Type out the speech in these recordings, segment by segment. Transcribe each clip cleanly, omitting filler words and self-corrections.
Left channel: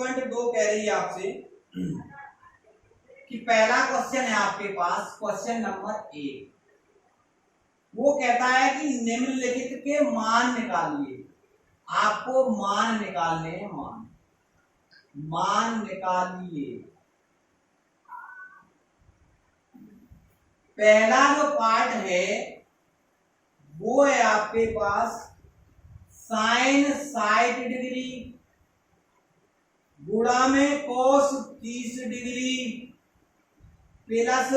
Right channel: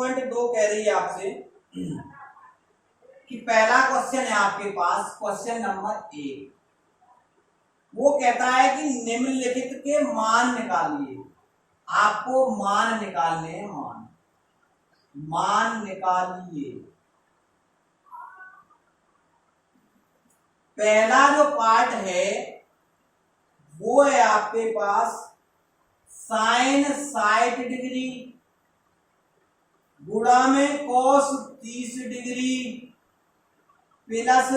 1.2 कह रही है आपसे कि पहला क्वेश्चन है आपके पास, क्वेश्चन नंबर 1, वो कहता है कि निम्नलिखित के मान निकालिए। आपको मान निकालने हैं, मान निकालिए। पहला जो पार्ट है वो है आपके पास साइन 60 डिग्री गुणा में cos 30 degree plus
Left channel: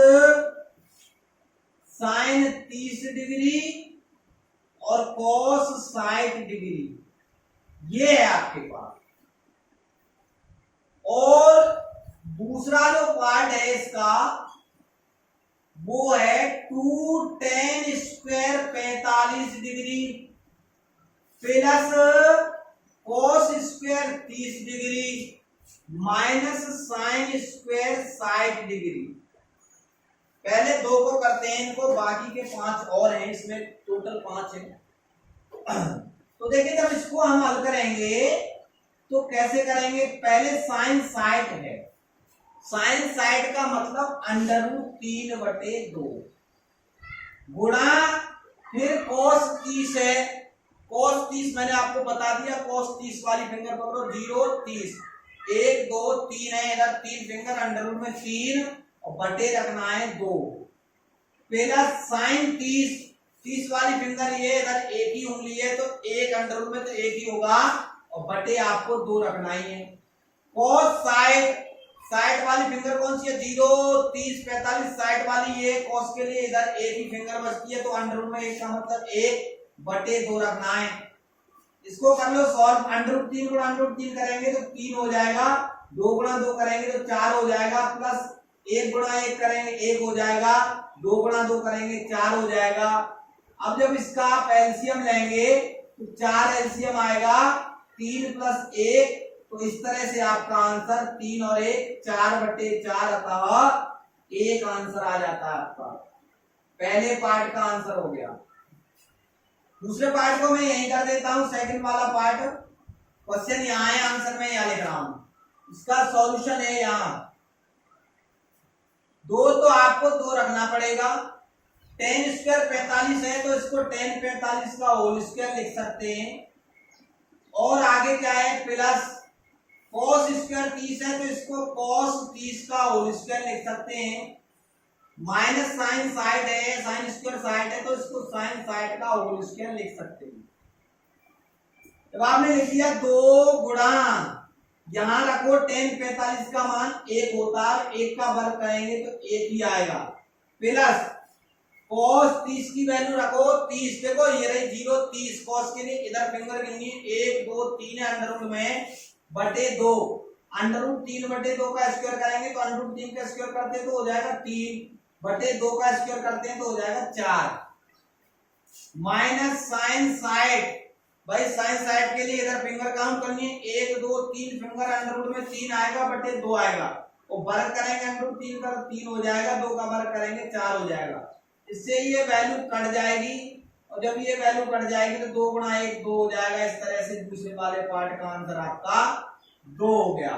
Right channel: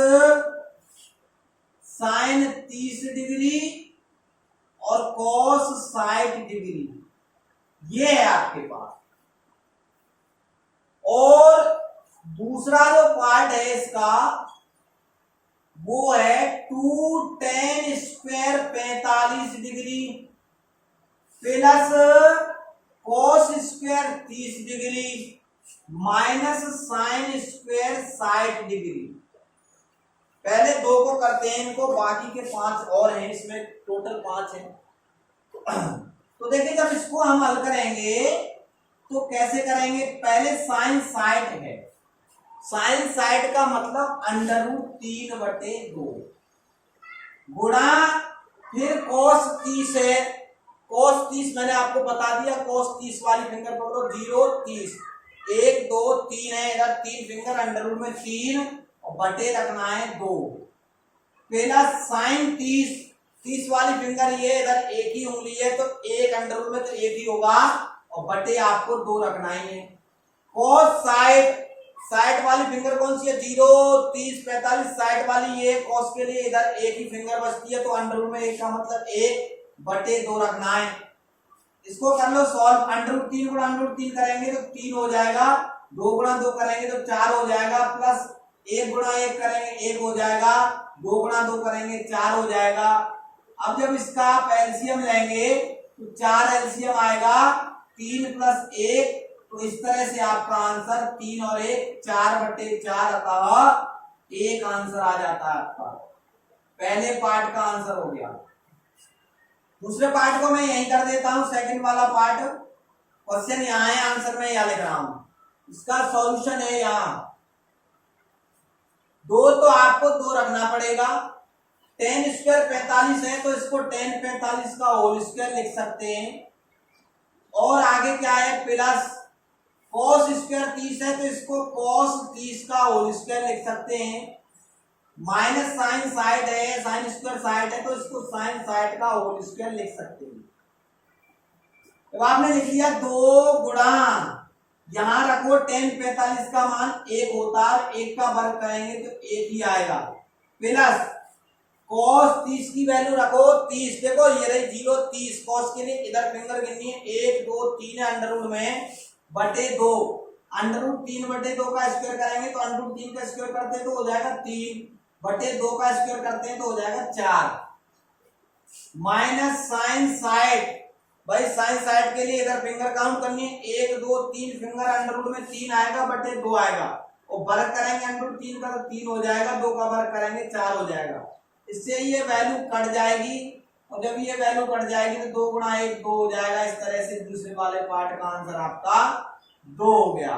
sign 30 degree और कॉस 60 डिग्री, ये है आपके पास। और दूसरा जो पार्ट है इसका वो है 2 tan square 45 degree plus cos square 30 degree minus sine square 60 degree. पहले 2 को करते हैं इनको, बाकी के 5 और हैं, इसमें टोटल 5 हैं। तो देखिए जब इसको हम हल करेंगे तो कैसे करेंगे, पहले साइन 60 है, साइन 60 का मतलब √3/2 गुणा फिर कॉस 30 है, कॉस 30 मैंने आपको बता दिया, कॉस 30 वाली फिंगर पकड़ो, 0 30 1 2 3 है, इधर 3 फिंगर √3 और बटे रखना है 2 प्लस साइन 30 वाली फिंगर ये इधर एक ही उंगली है तो एक अंडर में तो एक ही होगा और बटे आपको 2 रखना ही है। कॉस 60 वाली फिंगर कौन सी है, 0 30 45 60 वाली ये, कॉस के लिए इधर एक ही फिंगर बचती है तो अंडर में 1 का मतलब 1 बटे 2 रखना है। इसको कर लो सॉल्व, √3 गुणा √3 करेंगे तो 3 हो जाएगा, 2 गुणा 2 करेंगे तो 4 हो जाएगा, प्लस 1 गुणा 1 करेंगे 1 हो जाएगा, 2 गुणा 2 करेंगे 4 हो जाएगा। अब जब इसका आप एलसीएम लेंगे तो 4 एलसीएम आएगा, 3 + 1, तो इस तरह से आपका आंसर 3 और 1 4/4 अतः 1 आंसर आ जाता है आपका। पहले पार्ट का आंसर हो गया। दूसरे पार्ट को मैं यहीं कर देता हूं, सेकंड वाला पार्ट, क्वेश्चन यहाँ है, आंसर मैं यहाँ लिख रहा हूं, इसका सॉल्यूशन है यहाँ। 2 तो आपको 2 रखना पड़ेगा, tan स्क्वायर 45 है तो इसको tan 45 का होल स्क्वायर लिख सकते हैं, और आगे क्या है प्लस cos स्क्वायर 30 है तो इसको cos 30 का होल स्क्वायर लिख सकते हैं, माइनस साइन 60 है, साइन स्क्वायर 60 है तो इसको साइन 60 का होल स्क्वायर लिख सकते हैं। जब आपने लिख दिया 2 गुणा, यहां रखो tan 45 का मान 1 होता है, 1 का वर्ग करेंगे तो 1 ही आएगा, प्लस cos 30 की वैल्यू रखो 30, देखो ये रही 0 30, cos के लिए इधर फिंगर गिननी है, 1 2 3 है, अंडर में बटे 2, √3/2 का स्क्वायर करेंगे तो √3 का स्क्वायर करते हैं तो हो जाएगा 3 बटे 2 का स्क्वायर करते हैं तो हो जाएगा 4, माइनस साइन 60, भाई साइन 60 के लिए इधर फिंगर काउंट करनी है, 1 2 3 फिंगर, अंडर में 3 आएगा बटे 2 आएगा, और वर्ग करेंगे √3 का तो 3 हो जाएगा, 2 का वर्ग करेंगे 4 हो जाएगा। इससे ये वैल्यू कट जाएगी, और जब ये वैल्यू कट जाएगी तो 2 गुणा 1 2 हो जाएगा। इस तरह से दूसरे वाले पार्ट का आंसर आपका 2 हो गया।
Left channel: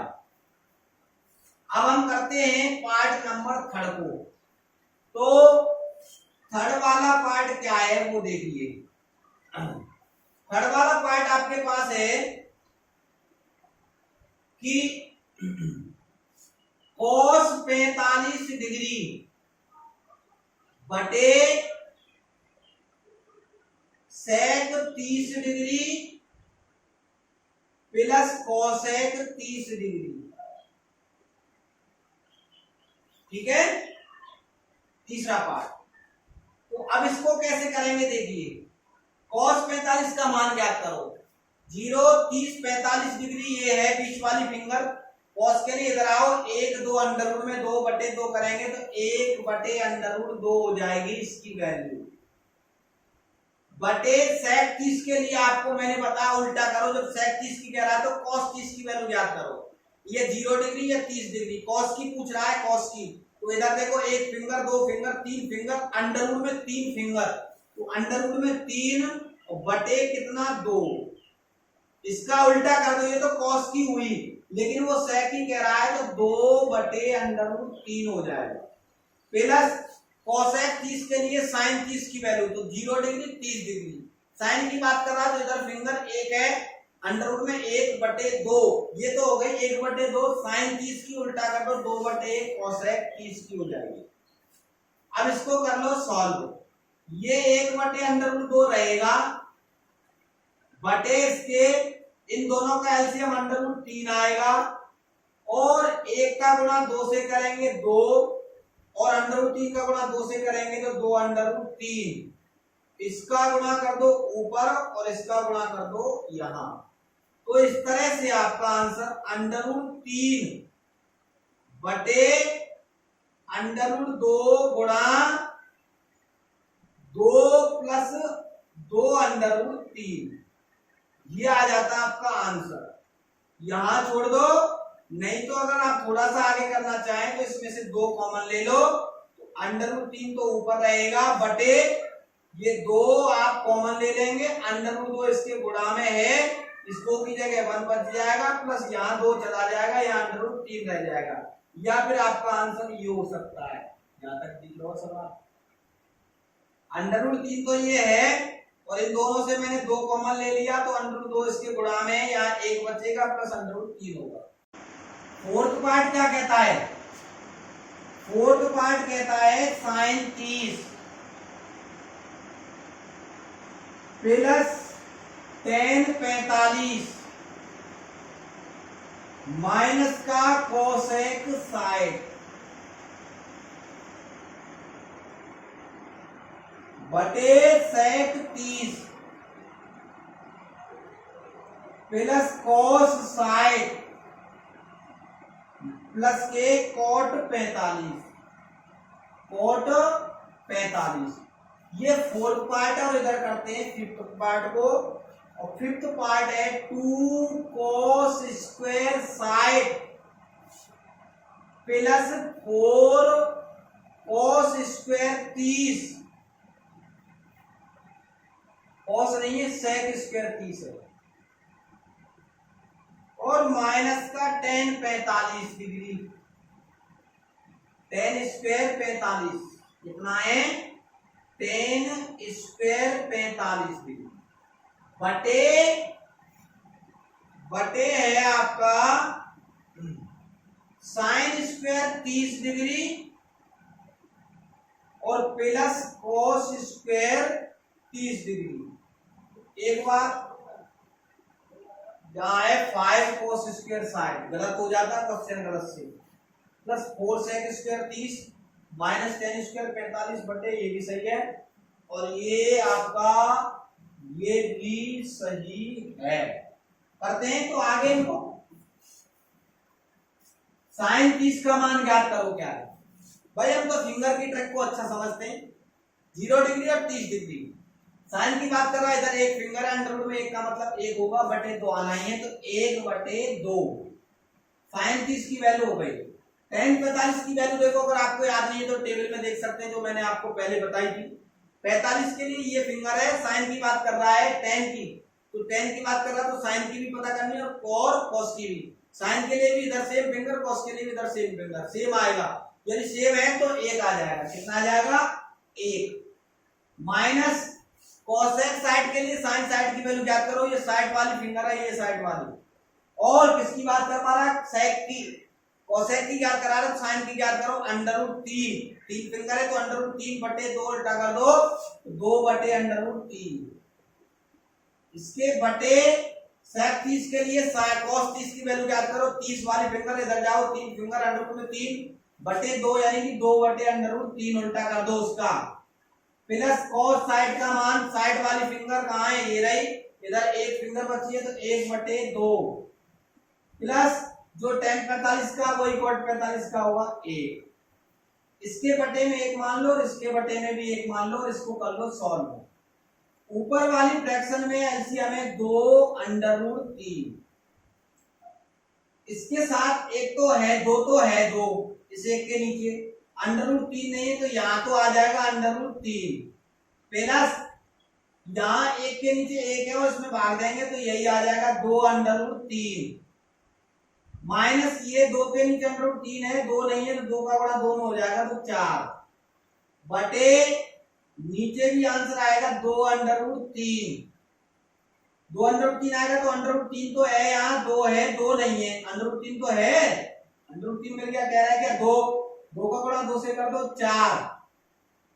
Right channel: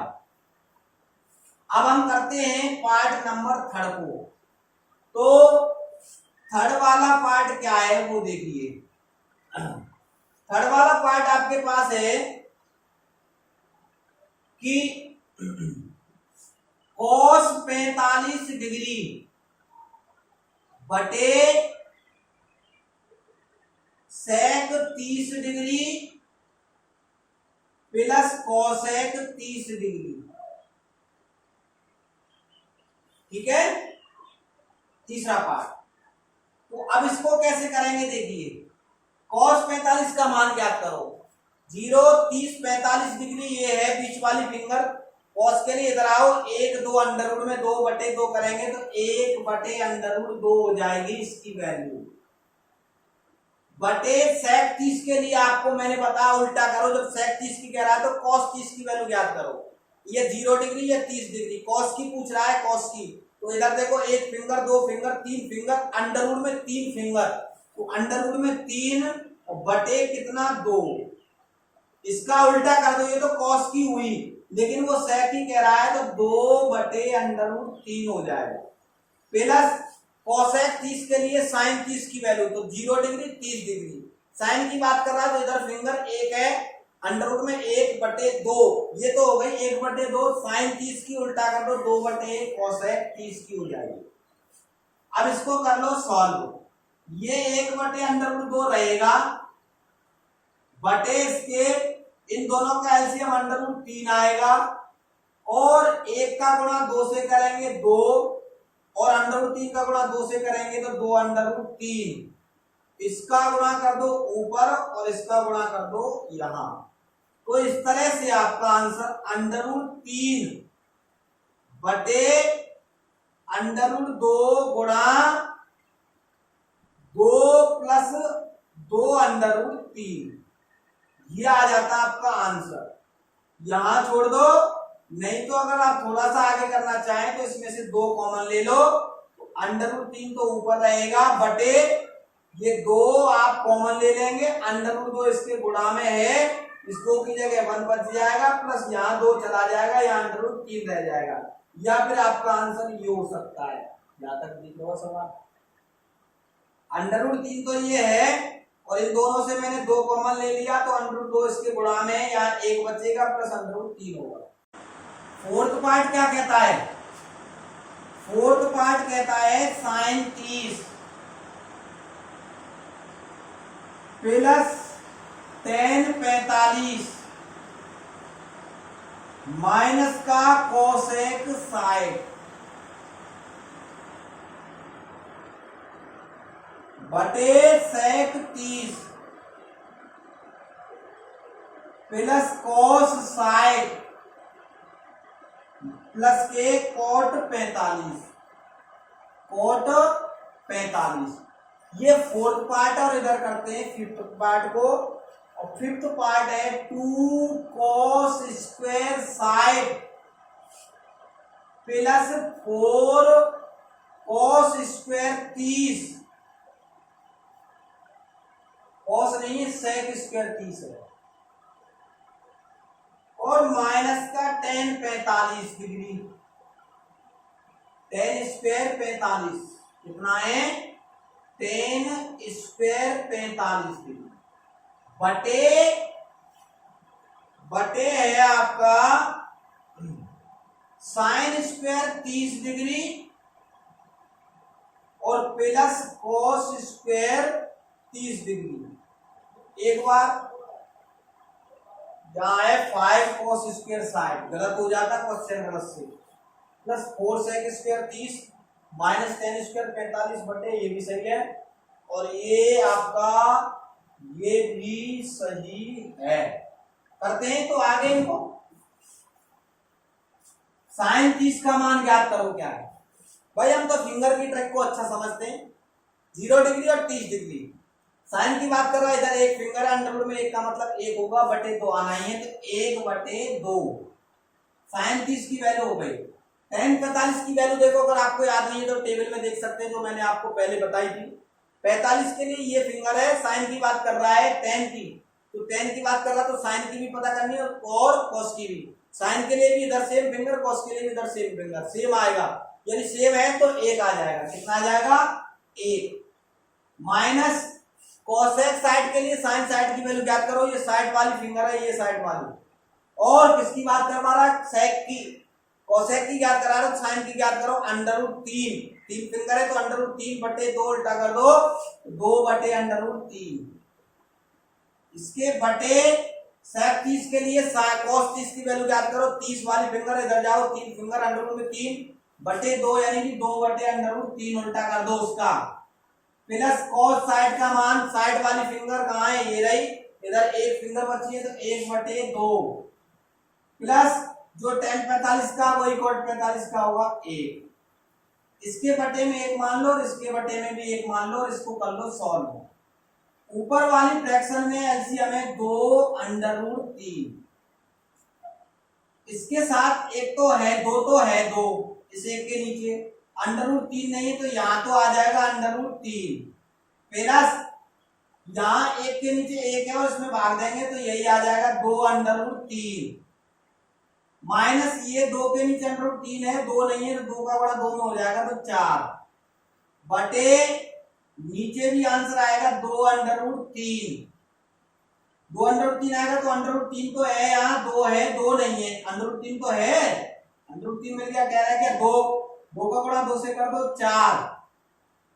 अब हम करते हैं पार्ट नंबर 3 को। तो 3rd वाला पार्ट क्या है वो देखिए। 3rd वाला पार्ट आपके पास है कि cos 45 डिग्री बटे sec 30 degree plus cosec 30 degree, ठीक है, तीसरा पार्ट। तो अब इसको कैसे करेंगे देखिए, cos 45 का मान ज्ञात करो, 0 30 45 डिग्री ये है बीच वाली फिंगर, cos के लिए इधर आओ, 1 2 अंडर में 2 बटे 2 करेंगे तो 1 बटे √2 हो जाएगी इसकी वैल्यू, बटे sec 30 के लिए आपको मैंने बताया उल्टा करो, जब sec 30 की कह रहा है तो cos 30 की वैल्यू ज्ञात करो, ये 0 डिग्री या 30 डिग्री, cos की पूछ रहा है, cos की, तो इधर देखो 1 फिंगर 2 फिंगर 3 फिंगर, अंडर में 3 फिंगर, तो अंडर में 3 और बटे कितना 2, इसका उल्टा कर दो, ये तो कॉस की हुई, लेकिन वो सेक की कह रहा है तो 2/√3 हो जाएगा। प्लस कोसेक 30 के लिए साइन 30 की वैल्यू तो 0 डिग्री 30 डिग्री। साइन की बात कर रहा है तो इधर फिंगर 1 है, अंडर रूट में 1/2, ये तो हो गई 1/2, साइन 30 की उल्टा कर दो 2/1 कोसेक 30 की हो जाएगी। अब इसको कर लो सॉल्व, ये 1/√2 रहेगा बटे इसके इन दोनों का एलसीएम √3 आएगा, और 1 का गुणा 2 से करेंगे 2, और √3 का गुणा 2 से करेंगे तो 2/3। इसका गुणा कर दो ऊपर और इसका गुणा कर दो यहां। तो इस तरह से आपका आंसर √3 बटे √2 गुणा 2 प्लस 2/3, ये आ जाता है आपका आंसर। यहां छोड़ दो, नहीं तो अगर आप थोड़ा सा आगे करना चाहें तो इसमें से 2 कॉमन ले लो, तो √3 तो ऊपर रहेगा बटे ये 2 आप कॉमन ले लेंगे, √2 इसके गुणा में है, इस 2 की जगह 1 बच जाएगा, प्लस यहाँ 2 चला जाएगा, यहाँ √3 रह जाएगा। या फिर आपका आंसर ये हो सकता है, यहां तक दिख रहा सवाल। √3 तो ये है, और इन दोनों से मैंने 2 कॉमन ले लिया तो √2 इसके गुणा में है, यहाँ 1 बचेगा प्लस √3 होगा। फोर्थ पार्ट क्या कहता है? फोर्थ पार्ट कहता है साइन 30 प्लस tan 45 माइनस का कोसेक 60 बटे सेक 30 प्लस कोस 60 प्लस के कोट 45, कोट 45। ये फोर्थ पार्ट है, और इधर करते हैं फिफ्थ पार्ट को, और फिफ्थ पार्ट है 2 cos square 60 plus 4 cos square 30, cos नहीं है सेक स्क्वायर 30 है, और माइनस का tan 45 डिग्री, tan स्क्वायर 45 कितना है? tan स्क्वायर 45 डिग्री बटे है आपका साइन स्क्वायर 30 डिग्री और प्लस कोस स्क्वायर 30 डिग्री। एक बार जहां है 5 कोस स्क्वायर 60 गलत हो जाता है क्वेश्चन गलत से, plus 4 sec square 30 minus tan square 45 बटे, ये भी सही है, और ये आपका ये भी सही है। करते हैं तो आगे इनको साइन 30 का मान ज्ञात करो क्या है भाई। हम तो फिंगर की ट्रिक को अच्छा समझते हैं, 0 डिग्री और 30 डिग्री। साइन की बात कर रहा है, इधर एक फिंगर है, अंडर में 1 का मतलब 1 होगा, बटे 2 आना ही है, तो 1/2 साइन 30 की वैल्यू हो गई। tan 45 की वैल्यू देखो, अगर आपको याद नहीं है तो टेबल में देख सकते हैं जो मैंने आपको पहले बताई थी। 45 के लिए ये फिंगर है, साइन की बात कर रहा है tan की, तो tan की बात कर रहा है तो साइन की भी पता करनी है और cos की भी। साइन के लिए भी इधर सेम फिंगर, cos के लिए भी इधर सेम फिंगर, सेम आएगा, यानी सेम है तो 1 आ जाएगा। कितना आ जाएगा? 1 माइनस कोसेक साइड के लिए साइन साइड की वैल्यू ज्ञात करो, ये साइड वाली फिंगर है, ये साइड वाली, और किसकी बात कर पा रहा है? सेक की। कोसेक की ज्ञात करा रहे, साइन की ज्ञात करो, √3, 3 फिंगर है तो √3 बटे 2 उल्टा कर दो, 2/√3। इसके बटे सेक 30 के लिए cos 30 की वैल्यू ज्ञात करो, 30 वाली फिंगर इधर जाओ, 3 फिंगर √2 में 3 बटे 2 यानी कि 2/√3 उल्टा कर दो उसका, प्लस cos साइड का मान, साइड वाली फिंगर कहाँ है? ये रही, इधर एक फिंगर बची है तो 1/2 प्लस जो tan 45 का वही cot 45 का होगा 1। इसके बटे में 1 मान लो और इसके बटे में भी 1 मान लो, और इसको कर लो सॉल्व। ऊपर वाली फ्रैक्शन में एलसीएम है 2/√3, इसके साथ एक तो है 2, तो है 2 इस एक के नीचे, √3 नहीं है तो यहां तो आ जाएगा √3 प्लस यहाँ एक के नीचे एक है और इसमें भाग देंगे तो यही आ जाएगा 2√3 माइनस ये 2 के नीचे √3 है, 2 नहीं है तो 2 का बड़ा 2 में हो जाएगा तो 4 बटे नीचे भी आंसर आएगा 2√3 2√3 आएगा तो √3 तो है, यहाँ 2 है 2 नहीं है, √3 तो है, √3 मिल गया। कह रहा है क्या 2 का गुणा 2 से कर दो 4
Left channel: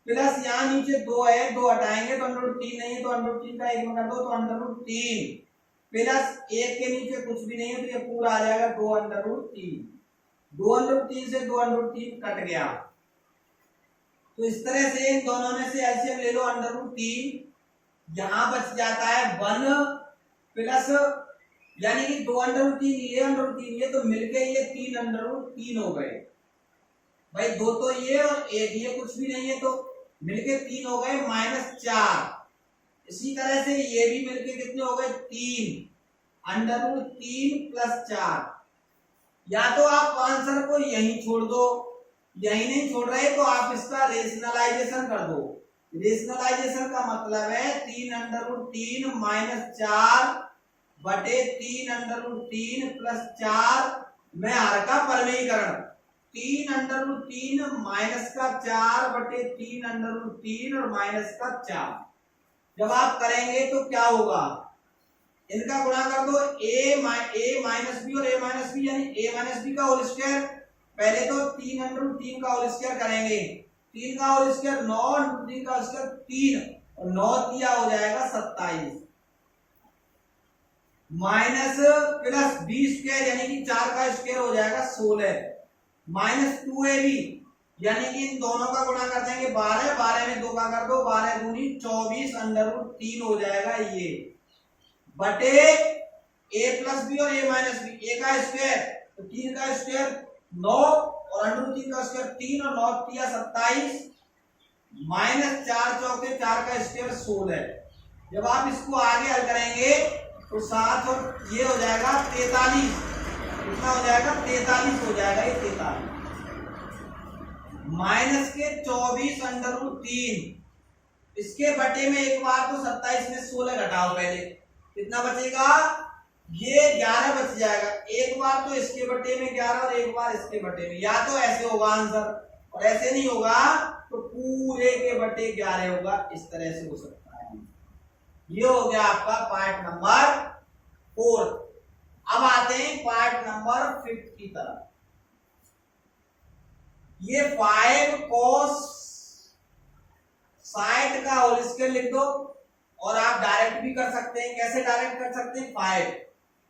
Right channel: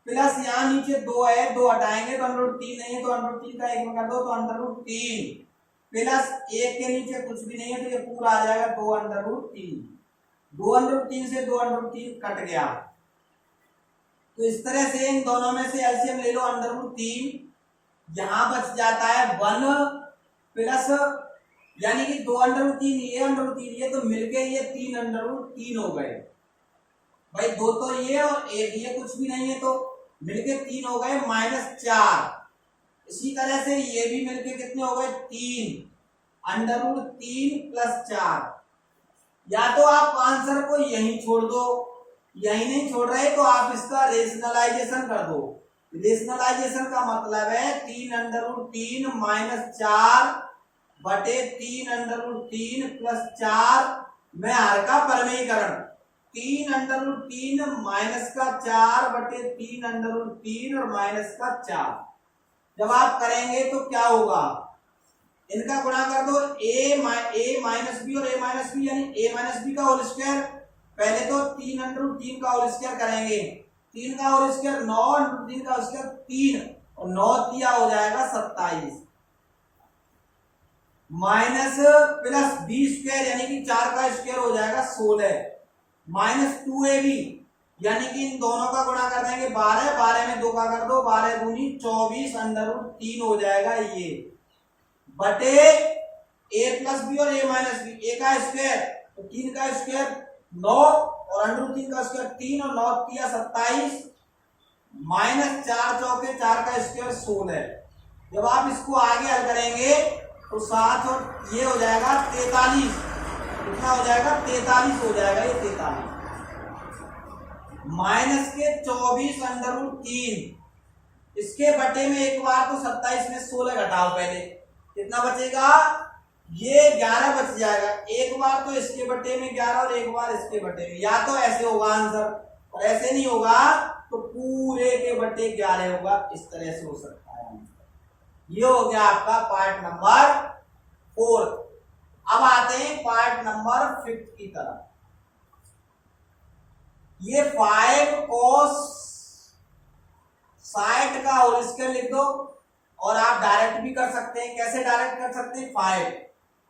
प्लस यहाँ नीचे 2 है, 2 हटाएंगे तो √3 नहीं है तो √3 का 1 में कर दो तो √3 प्लस 1 के नीचे कुछ भी नहीं है तो ये पूरा आ जाएगा 2√3 2√3 से 2√3 कट गया। तो इस तरह से इन दोनों में से एलसीएम ले लो √3, यहां बच जाता है 1 प्लस यानी कि 2√3 ये तो मिलके ये 3√3 हो गए भाई, 2 तो ये और 1 ये कुछ भी नहीं है तो मिलके 3 हो गए -4। इसी तरह से ये भी मिलके कितने हो गए 3√3 + 4। या तो आप आंसर को यहीं छोड़ दो, यही नहीं छोड़ रहे तो आप इसका रेशनलाइजेशन कर दो। रेशनलाइजेशन का मतलब है 3√3 - 4 बटे 3√3 + 4 में हर का परमेयीकरण 3√3 - का 4 बटे 3√3 और -4। जब आप करेंगे तो क्या होगा, इनका गुणा कर दो a माइनस बी और a माइनस बी यानी a - b का होल स्क्वायर। पहले तो 3√3 का होल स्क्वायर करेंगे, 3 का होल स्क्वायर 9 × 3 का होल स्क्वायर 3 और 9 दिया हो जाएगा 27 माइनस प्लस बी स्क्वायर यानी कि 4 का स्क्वायर हो जाएगा 16 माइनस 2ab यानी कि इन दोनों का गुणा कर देंगे 12, 12 में 2 का कर दो 12 दूनी 24 √3 हो जाएगा ये बटे a + b और a - b, a का स्क्वायर तो 3 का स्क्वायर 9 और √3 का स्क्वायर 3 और 9 दिया 27 माइनस 4 चौके 4 का स्क्वायर 16। जब आप इसको आगे हल करेंगे तो 7 और ये हो जाएगा 43, कितना हो जाएगा 43 हो जाएगा ये 43 माइनस के 24 √3 इसके बटे में एक बार तो 27 में 16 घटाओ, पहले कितना बचेगा ये 11 बच जाएगा, एक बार तो इसके बटे में 11 और एक बार इसके बटे में। या तो ऐसे होगा आंसर और ऐसे नहीं होगा तो पूरे के बटे 11 होगा, इस तरह से हो सकता है आंसर। ये हो गया आपका पार्ट नंबर 4। अब आते हैं पार्ट नंबर 5 की तरफ। ये 5 cos 60 का होल स्क्वायर लिख दो और आप डायरेक्ट भी कर सकते हैं। कैसे डायरेक्ट कर सकते हैं, 5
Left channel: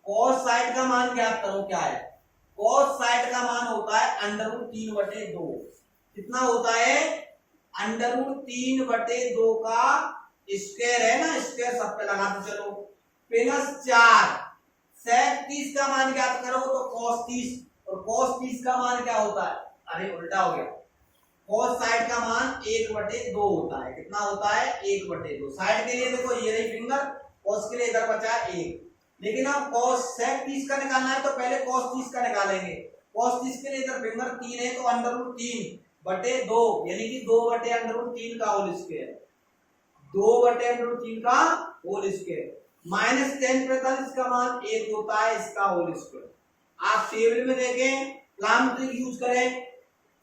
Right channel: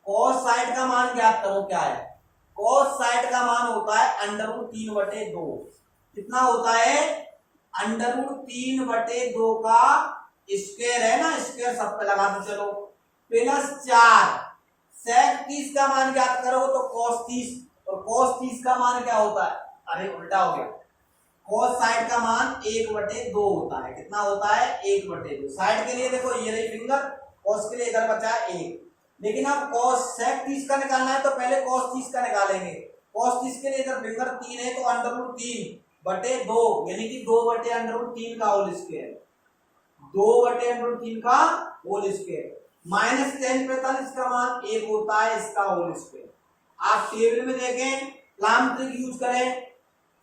cos 60 का मान ज्ञात करो, क्या है cos 60 का मान होता है √3/2। कितना होता है √3/2 का स्क्वायर है ना, स्क्वायर सब पे लगाते चलो प्लस 4 sec 30 का मान ज्ञात करो तो cos 30 और cos 30 का मान क्या होता है, अरे उल्टा हो गया, cos 60 का मान 1/2 होता है। कितना होता है 1/2। 60 के लिए देखो ये रही फिंगर, cos के लिए इधर बचा 1, लेकिन अब cos sec 30 का निकालना है तो पहले cos 30 का निकालेंगे। cos 30 के लिए इधर फिंगर 3 है तो √3/2 यानी कि 2/√3 का होल स्क्वायर, 2/√3 का होल स्क्वायर माइनस tan 45 का मान 1 होता है इसका होल स्क्वायर। आप टेबल में देखें, प्लाम ट्रिक यूज करें,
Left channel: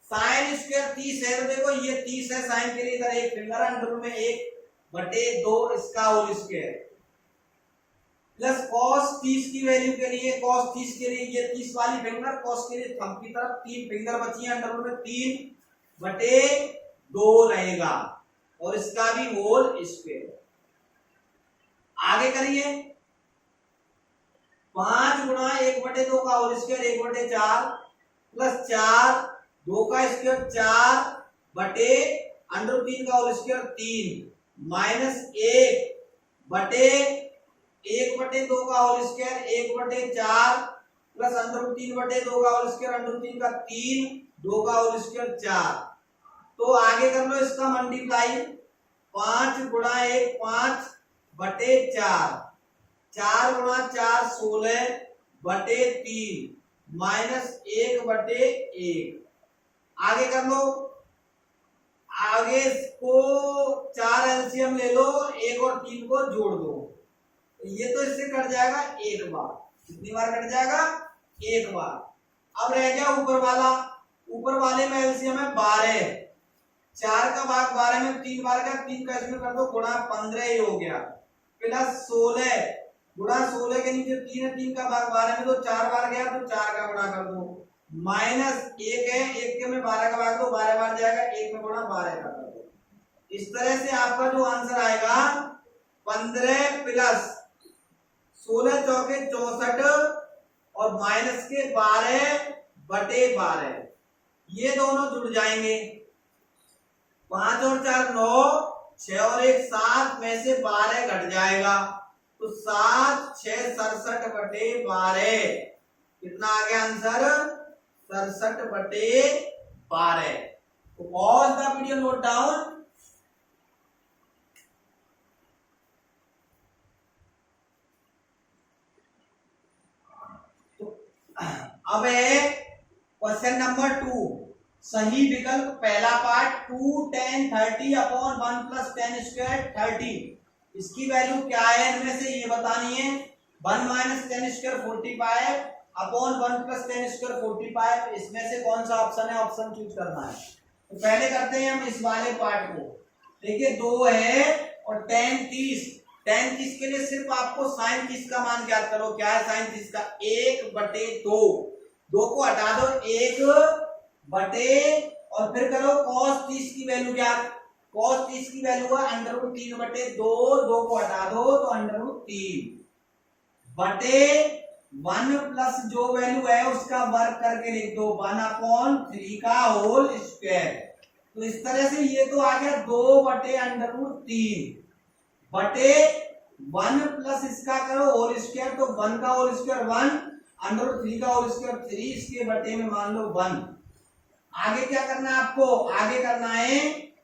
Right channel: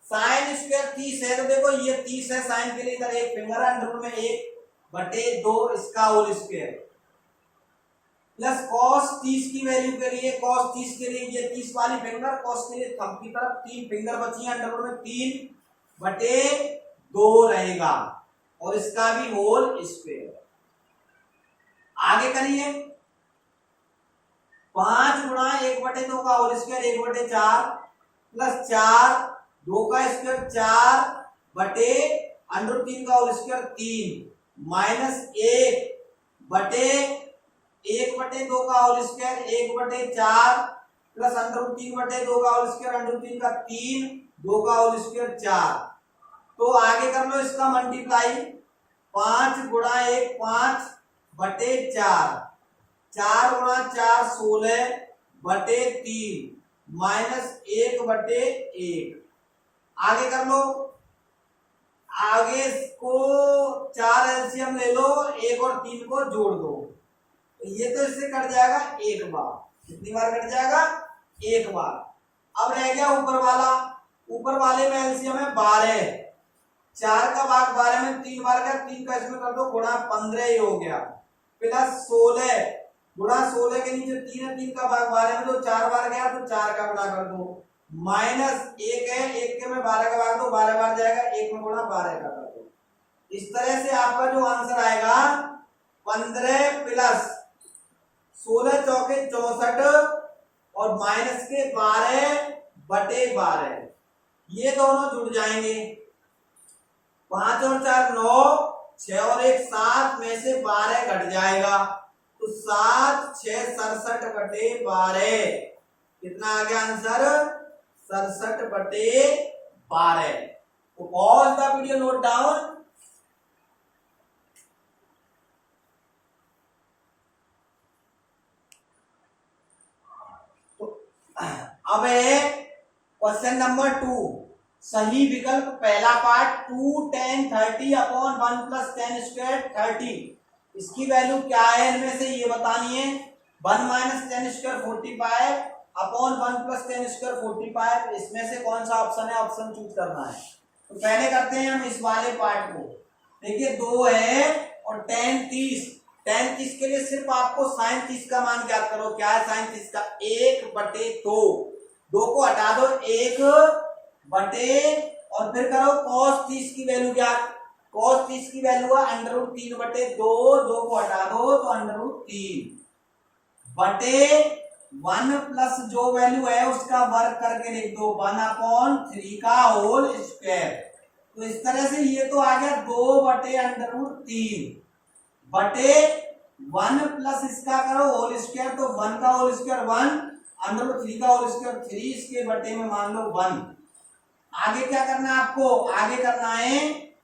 साइन स्क्वायर 30 है तो देखो ये 30 है, साइन के लिए इधर एक फिंगर अंडर में 1/2 इसका होल स्क्वायर प्लस cos 30 की वैल्यू के लिए, cos 30 के लिए ये 30 वाली फिंगर, cos के लिए थंब की तरफ 3 फिंगर बची है अंडर में 3/2 रहेगा और इसका भी होल स्क्वायर। आगे करिए 5 गुणा 1/2 का होल स्क्वायर 1/4 प्लस 4 2 का स्क्वायर 4 बटे √3 का होल स्क्वायर 3 माइनस 1/2 का होल स्क्वायर 1/4 प्लस √3/2 का होल स्क्वायर √3 का 3 2 का होल स्क्वायर 4। तो आगे कर लो इसका मल्टीप्लाई, 5 गुणा 1 5/4 4 गुणा 4 16/3 माइनस 1/1। आगे कर लो, आगे को 4 एलसीएम ले लो, 1 और 3 को जोड़ दो, तो ये तो इससे कट जाएगा एक बार। कितनी बार कट जाएगा? एक बार। अब रह गया ऊपर वाला, ऊपर वाले में एलसीएम है 12, 4 का भाग 12 में 3 बार का, 3 का इसमें कर दो गुणा 15 ही हो गया, प्लस 16 गुणा 16 के नीचे 3 है, 3 का भाग 12 में तो 4 बार गया, तो 4 का गुणा कर दो, माइनस 1 है, 1 के में 12 का भाग दो, 12 बार जाएगा, 1 में गुणा 12 का कर दो। इस तरह से आपका जो आंसर आएगा 15 प्लस 16 चौके 64 और माइनस के 12 बटे 12, ये दोनों जुड़ जाएंगे। 5 और 4 9, 6 और 1 7 में से 12 घट जाएगा, तो 7 6 67 बटे 12, कितना आ गया आंसर? 67 बटे 12। तो pause the video, note down. अब है क्वेश्चन नंबर 2, सही विकल्प पहला पार्ट 2 10 30 अपॉन 1 प्लस 10 स्क्वायर 30, इसकी वैल्यू क्या है इनमें से ये बतानी है। 1 minus 10 square 45 upon 1 plus 10 square 45, इसमें से कौन सा ऑप्शन है, ऑप्शन चूज करना है। तो पहले करते हैं हम इस वाले पार्ट को। देखिए 2 है और 10 30, 10 30 के लिए सिर्फ आपको साइन 30 का मान ज्ञात करो। क्या है साइन 30 का? 1 बटे 2, 2 को हटा दो, 1 बटे और फिर करो cos 30 की वैल्यू ज्ञात। cos 30 की वैल्यू है √3 बटे 2, 2 को हटा दो तो √3 बटे 1 प्लस जो वैल्यू है उसका वर्ग करके लिख दो, 1/3 का होल स्क्वायर। तो इस तरह से ये तो आ गया 2 बटे √3 बटे 1 प्लस इसका करो होल स्क्वायर, तो 1 का होल स्क्वायर 1, √3 का होल स्क्वायर 3, इसके बटे में मान लो 1। आगे क्या करना है आपको? आगे करना है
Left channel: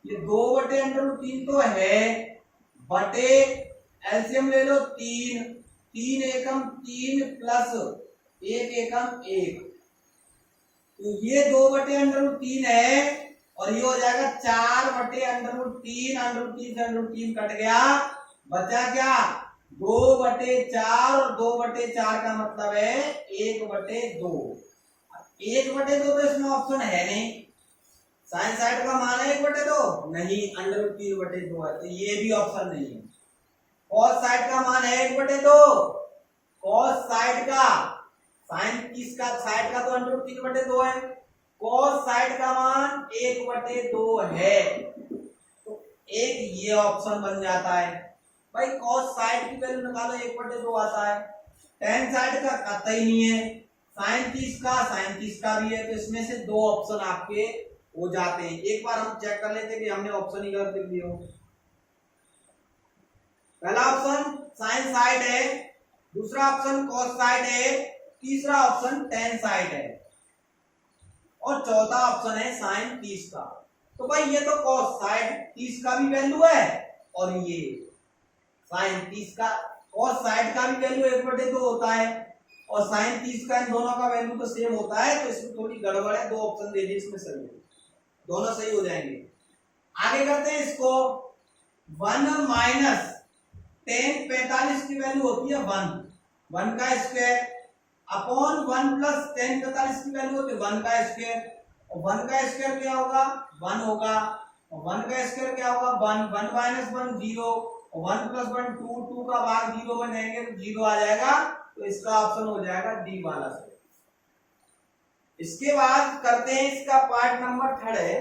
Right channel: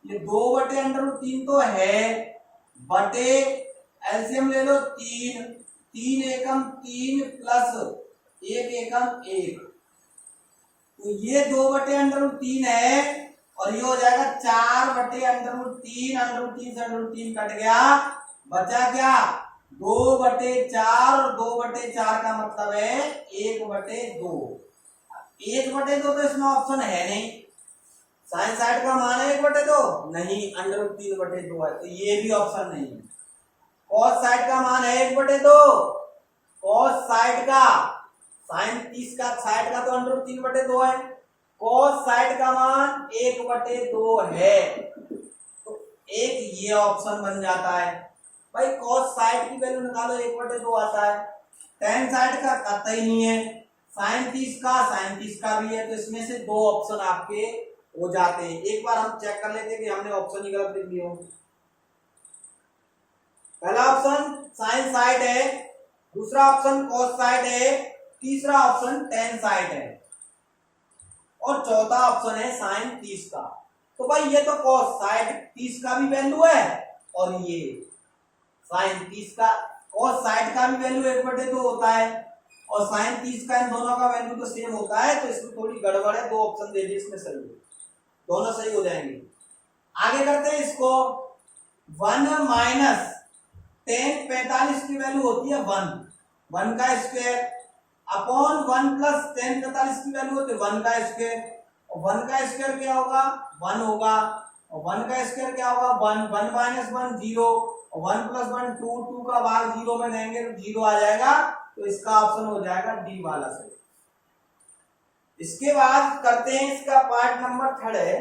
ये 2 बटे √3 तो है, बटे एलसीएम ले लो 3, 3 एकम 3 प्लस 1 एकम 1, तो ये 2 बटे √3 है और ये हो जाएगा 4 बटे √3, √3 से √3 कट गया, बचा क्या? 2 बटे 4 और 2 बटे 4 का मतलब है 1 बटे 2। 1 बटे 2 तो इसमें ऑप्शन है नहीं, साइन साइड का मान है 1 बटे 2 नहीं, √3 बटे 2 है, तो ये भी ऑप्शन नहीं है। कॉस साइड का मान है 1 बटे 2, कॉस साइड का साइन 30 का साइड का तो √3 बटे 2 है, कॉस साइड का मान 1 बटे 2 है, तो एक ये ऑप्शन बन जाता है। भाई कॉस साइड की वैल्यू निकालो, 1 बटे 2 आता है, टेन साइड का कतई नहीं है, साइन 30 का भी है, तो इसमें से 2 ऑप्शन आपके हो जाते हैं। एक बार हम चेक कर लेते हैं कि हमने ऑप्शन ही गलत लिख लिया हो। पहला ऑप्शन साइन साइड है, दूसरा ऑप्शन कॉस साइड है, तीसरा ऑप्शन टेन साइड है और चौथा ऑप्शन है साइन 30 का। तो भाई ये तो कॉस साइड 30 का भी वैल्यू है और ये साइन 30 का, कॉस साइड का भी वैल्यू 1 बटे 2 होता है और साइन 30 का, इन दोनों का वैल्यू तो सेम होता है, तो इसमें थोड़ी गड़बड़ है, 2 ऑप्शन दे दिए इसमें सही है, दोनों सही हो जाएंगे। आगे करते हैं इसको। 1 माइनस 10 45 की वैल्यू होती है 1 का स्क्वायर अपॉन 1 प्लस 10 45 की वैल्यू होती है 1 का स्क्वायर, और 1 का स्क्वायर क्या होगा? 1 होगा, और 1 का स्क्वायर क्या होगा? 1 माइनस 1 0, और 1 प्लस 1 2, 2 का भाग 0 में देंगे तो 0 आ जाएगा, तो इसका ऑप्शन हो जाएगा डी वाला सही। इसके बाद करते हैं इसका पार्ट नंबर 3 है,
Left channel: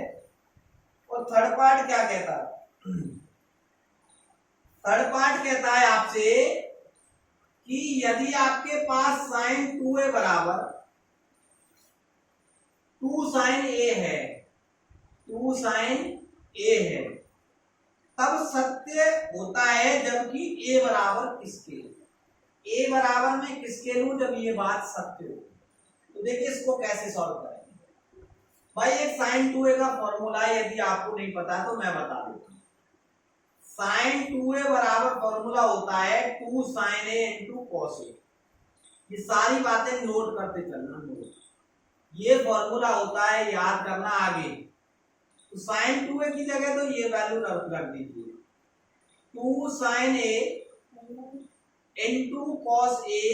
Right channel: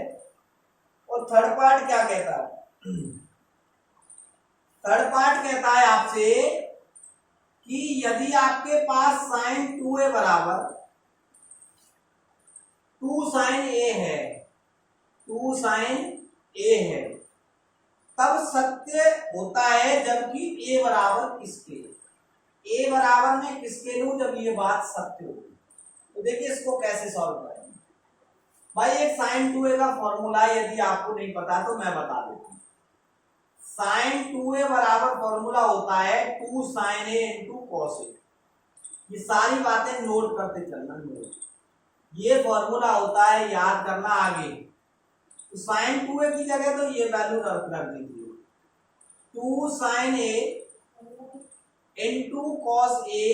और थर्ड पार्ट क्या कहता है? थर्ड पार्ट कहता है आपसे कि यदि आपके पास साइन 2a बराबर 2 साइन a है, 2 साइन a है, तब सत्य होता है जबकि a बराबर किसके? a बराबर में किसके लूं जब ये बात सत्य हो। तो देखिए इसको कैसे सॉल्व करेंगे। भाई एक साइन 2a का फॉर्मूला है, यदि आपको नहीं पता तो मैं बता देता हूं। साइन 2a बराबर फॉर्मूला होता है 2 sine a into cos a। ये सारी बातें नोट करते चलना, नोट। ये फॉर्मूला होता है, याद करना आगे। तो साइन 2a की जगह तो ये वैल्यू रख दीजिए, 2 sine a into cos a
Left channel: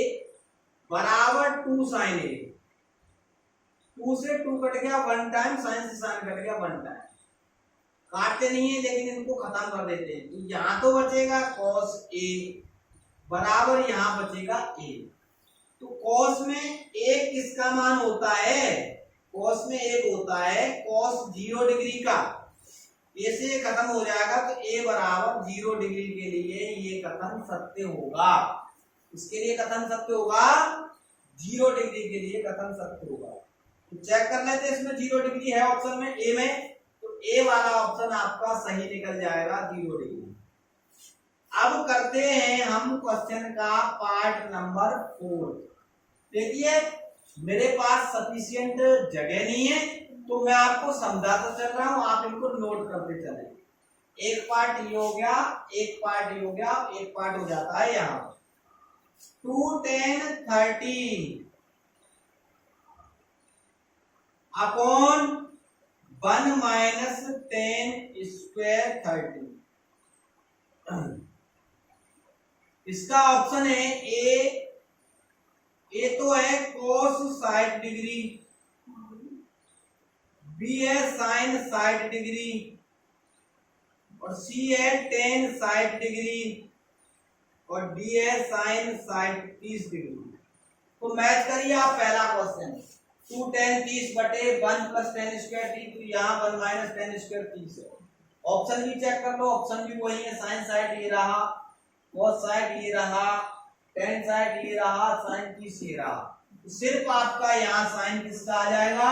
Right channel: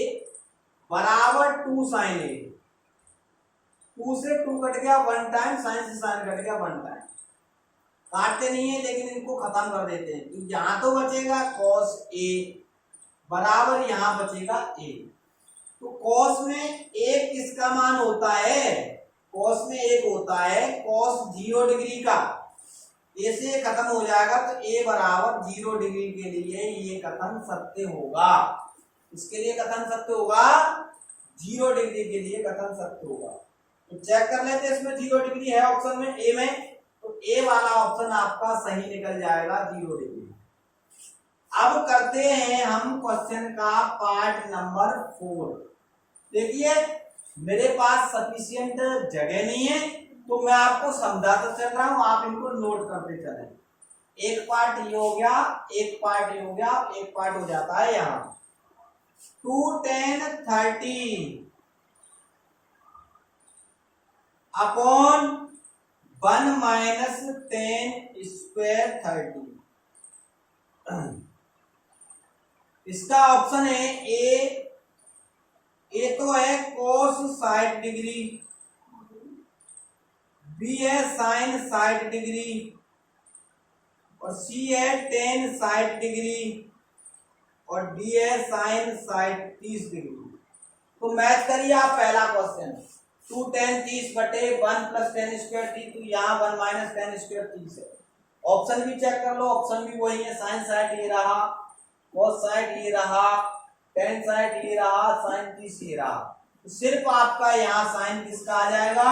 बराबर 2 साइन a। 2 से 2 कट गया 1 टाइम, साइन से साइन कट गया 1 टाइम। काटते नहीं है लेकिन इनको खत्म कर देते हैं। तो यहां तो बचेगा cos a बराबर यहां बचेगा a। तो cos में एक किसका मान होता है? cos में एक होता है cos 0 डिग्री का। a से खत्म हो जाएगा तो a बराबर 0 डिग्री के लिए ये कथन सत्य होगा। इसके लिए कथन सत्य होगा, 0 डिग्री के लिए कथन सत्य होगा। तो चेक कर लेते हैं, इसमें 0 डिग्री है ऑप्शन में ए में, तो ए वाला ऑप्शन आपका सही निकल जाएगा, 0 डिग्री। अब करते हैं हम क्वेश्चन का पार्ट नंबर 4। देखिए मेरे पास सफिशिएंट जगह नहीं है तो मैं आपको समझाता चल रहा हूं, आप इनको नोट करते चलें। एक पार्ट ये हो गया, एक पार्ट ये हो गया, एक पार्ट हो जाता है यहां 2 10 30 अपॉन 1 माइनस 10 स्क्वायर 30। इसका ऑप्शन है ए तो है cos 60 डिग्री, बी है sin 60 डिग्री और सी है tan 60 डिग्री और डी है sin 30 डिग्री। तो मैच करिए आप पहला क्वेश्चन, 2 10 30 बटे 1 प्लस 10 स्क्वायर 30, तो यहाँ 1 माइनस 10 स्क्वायर 30 है। ऑप्शन भी चेक कर लो, ऑप्शन भी वही है, sin 60 ये रहा, cos 60 ये रहा, tan 60 ये रहा, sin 30 ये रहा। तो सिर्फ आपका यहाँ साइन किसका आ जाएगा?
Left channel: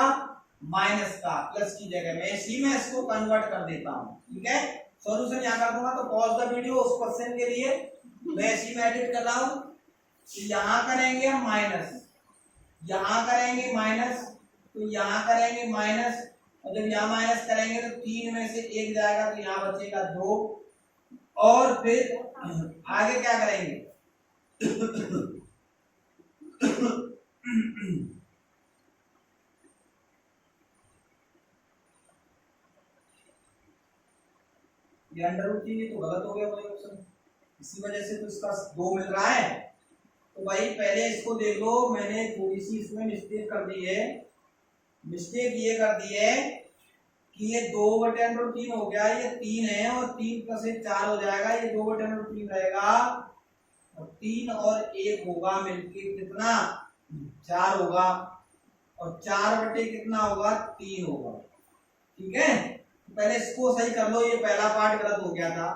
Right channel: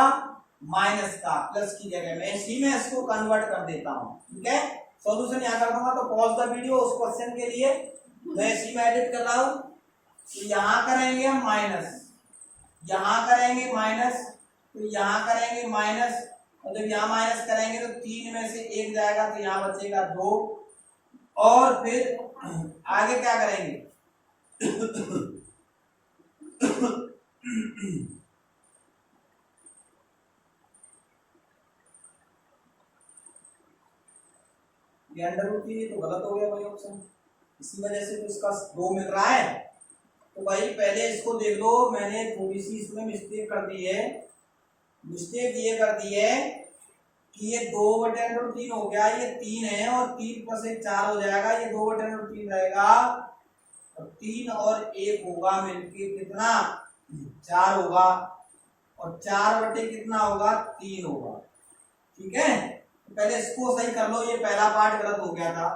माइनस का, प्लस की जगह में इसी में इसको कन्वर्ट कर देता हूँ। ठीक है, सॉल्यूशन यहाँ कर दूंगा। तो पॉज द वीडियो उस क्वेश्चन के लिए, मैं इसी में एडिट कर रहा हूँ। तो यहाँ करेंगे हम माइनस, यहाँ करेंगे माइनस, तो यहाँ करेंगे माइनस, और जब यहाँ माइनस करेंगे तो 3 में से 1 जाएगा तो यहाँ बचेगा 2, और फिर आगे क्या करेंगे? ये अंडर रूट की तो गलत हो गया भाई ऑप्शन, इसी वजह से तो इसका 2 मिल रहा है। तो भाई पहले इसको देख लो, मैंने थोड़ी सी इसमें मिस्टेक कर दी है। मिस्टेक ये कर दी है कि ये 2/√3 हो गया, ये 3 है और 3 प्लस 1 4 हो जाएगा, ये 2/√3 रहेगा और 3 और 1 होगा मिलके कितना? 4 होगा, और 4 बटे कितना होगा? 3 होगा। ठीक है, पहले इसको सही कर लो, ये पहला पार्ट गलत हो गया था।